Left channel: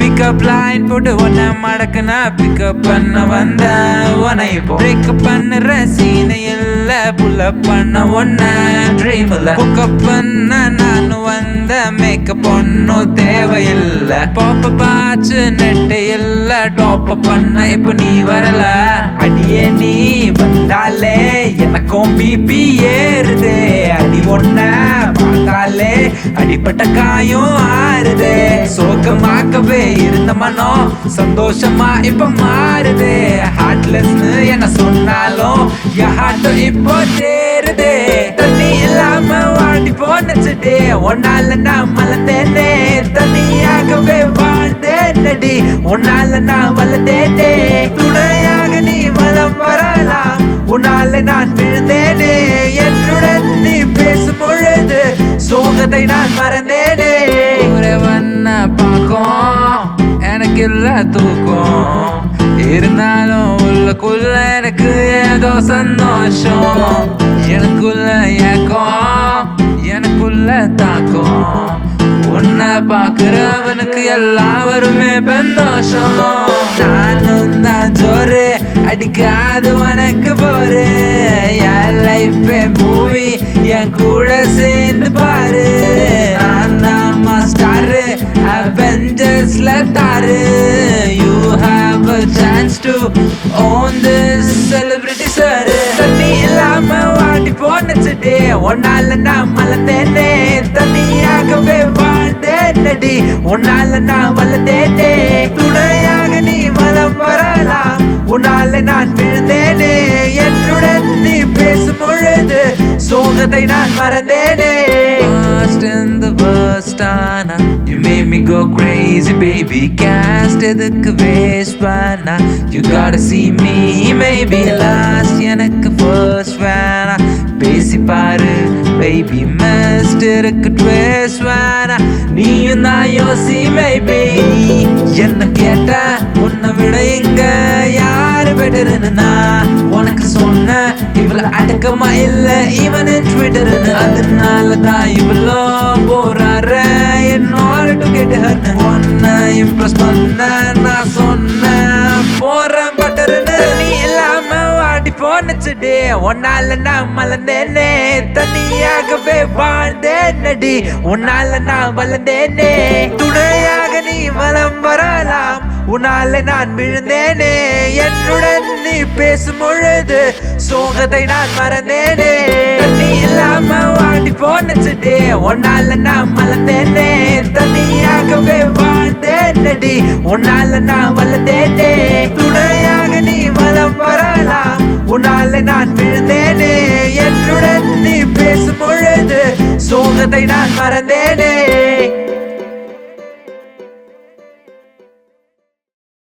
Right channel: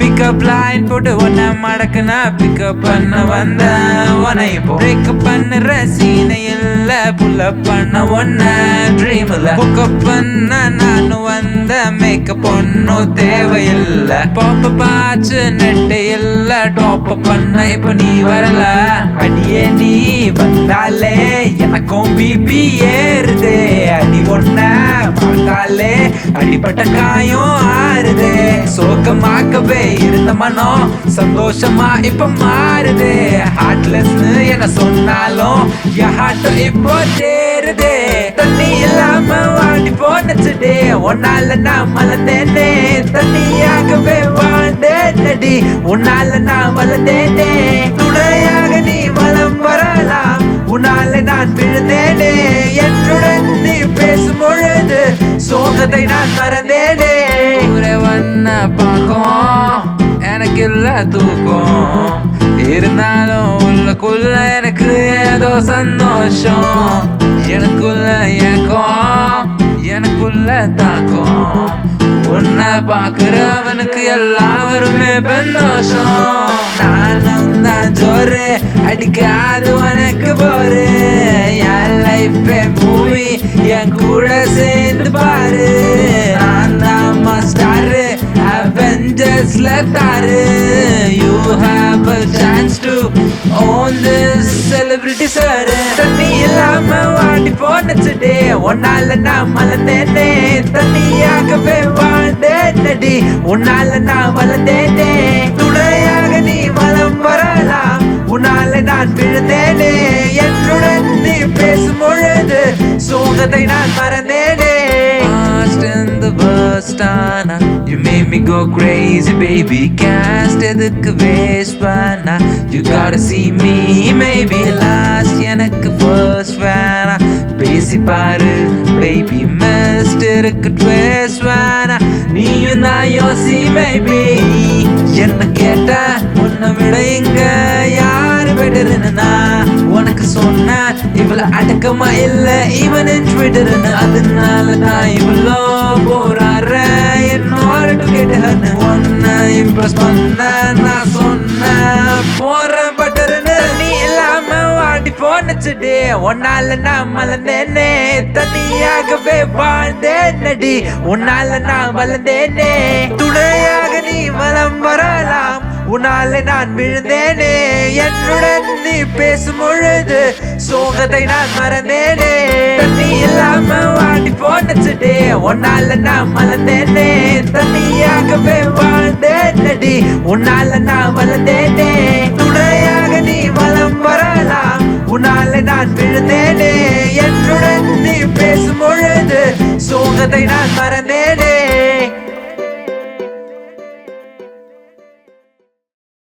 pickup line போட்டு ஒன்ன மடக்குனா pickup பண்ண வந்த உன இப்போ பிரேக்கப் பண்ணுற சீனை இல்ல புல்லப் பண்ண ஒன்ன ட்ரீம்ல புக்கப் பண்ண நானும் வந்த மேக்கப் ஒன்னும் தேவையில்ல பாப்ப பாச்சு நெட்டு இல்ல டாப் பண்ண இப்ப நீ வரல அடியே நீ வந்தாலே எனக்கும் பிபி ஏறுதே அடி ஒன்ன பார்த்தாலே அடிப்பட்ட காயம் ஆறுதே சோகமாக்கவே இருந்த மனம் சந்தோஷமா இப்ப மாறுதே ஹார்ட்லெஸ்னு என்ன சொன்னாலும் என் ஹார்ட்டும் இப்போ தேருதே தண்ணி இல்லாம வாடி போனச்சுடே ஒன்னால நான் மலர்ந்தேனே தண்ணியாகவே வாழ்ந்தேனடி உன்னால நான் வளர்ந்தேனே துணையாக நீ வலம் வரலாம் உன்னால நான் விழுந்தேனே என்னுடன் நீ பேசும் பொழுது சோகத்தை நான் மறந்தேனே வண்ண பாக்கும் எனக்கு இல்ல தூக்கம் இருந்தாலும் உள்ளக்குள்ள எனக்கு ஏதோ சந்தோஷம் எனக்குள்ள ஏக்கம் எனக்குள்ள தாக்கம் உன்னை பாக்குறவனுக்கு எல்லாருமே சந்தோஷம் நானும் தான் ஜோரு அடிக்காது உனக்கு போரு என் லைஃபே மூவி என் கூட சேர்ந்து பாரு நான் தான் மாஸ்டாரு அவெஞ்சர்ஸ்ல தாரு you have a chance to own this celebrity sir தண்ணி இல்லாம வாடி போனச்சுடே ஒன்னால நான் மலர்ந்தேனே தண்ணியாகவே வாழ்ந்தேனடி உன்னால நான் வளர்ந்தேனே துணையாக நீ மலம் வரலாம் உன்னால நான் விழுந்தேனே என்னுடன் நீ பேசும் பொழுது சோகத்தை நான் மறந்தேனே Lost in the worst ஆனா You made me go crazy baby Cast எதுக்கு waste பண்ணா You gotta see me maybe last எனக்கு first வேணா பேசி பாரு baby missed இருக்கு twist வேணா நீயும் நான் யோசி maybe என்ன கேட்ட உன்னை விட இங்க யாரு பெட்டர்னு நான் உனக்கு சொன்ன இவ்வளவு அடக்கமா இல்ல ஈவன் இன் ட்விட்டர்னு அதனால தான் இவ்வளோ போறார என்னோட டு கெட் ஹர் உன்னை இம்ப்ரெஸ் பண்ண நான் சொன்ன போறேன் பட்டர்னு நீ இல்லாம வாடி போனச்சுடே உன்னால நான் மலர்ந்தேனே தனியாகவே வாழ்ந்தேனடி உன்னால நான் வளர்ந்தேனே துணையாக நீ வலம் வரலாம் உன்னால நான் விழுந்தேனே என்னுடன் நீ பேசும் பொழுது சோகத்தை நான் மறந்தேனே தண்ணி இல்லாம வாடி போனச்சுடே உன்னால நான் மலர்ந்தேனே தனியாகவே வாழ்ந்தேனடி உன்னால நான் வளர்ந்தேனே துணையாக நீ வலம் வரலாம் உன்னால நான் விழுந்தேனே என்னுடன் நீ பேசும் பொழுது சோகத்தை நான் மறந்தேனே